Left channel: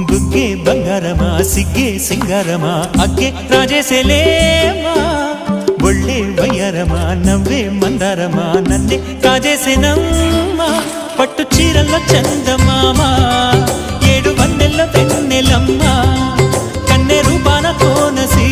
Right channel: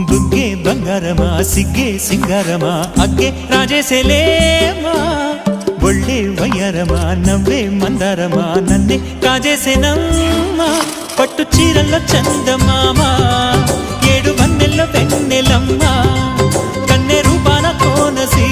బుగ్గే బంగారమా సిగ్గే సింగారమా అగ్గే రాజేసేలేమా ఒళ్ళే వయ్యారమా నవ్వే మందారమా నన్నే కాజేసేనమ్మా పట్టు చీరల్లో చందమామా ఏడు వన్నెల్లో వెన్నెలమ్మా కన్నె రూపాన కోనసీ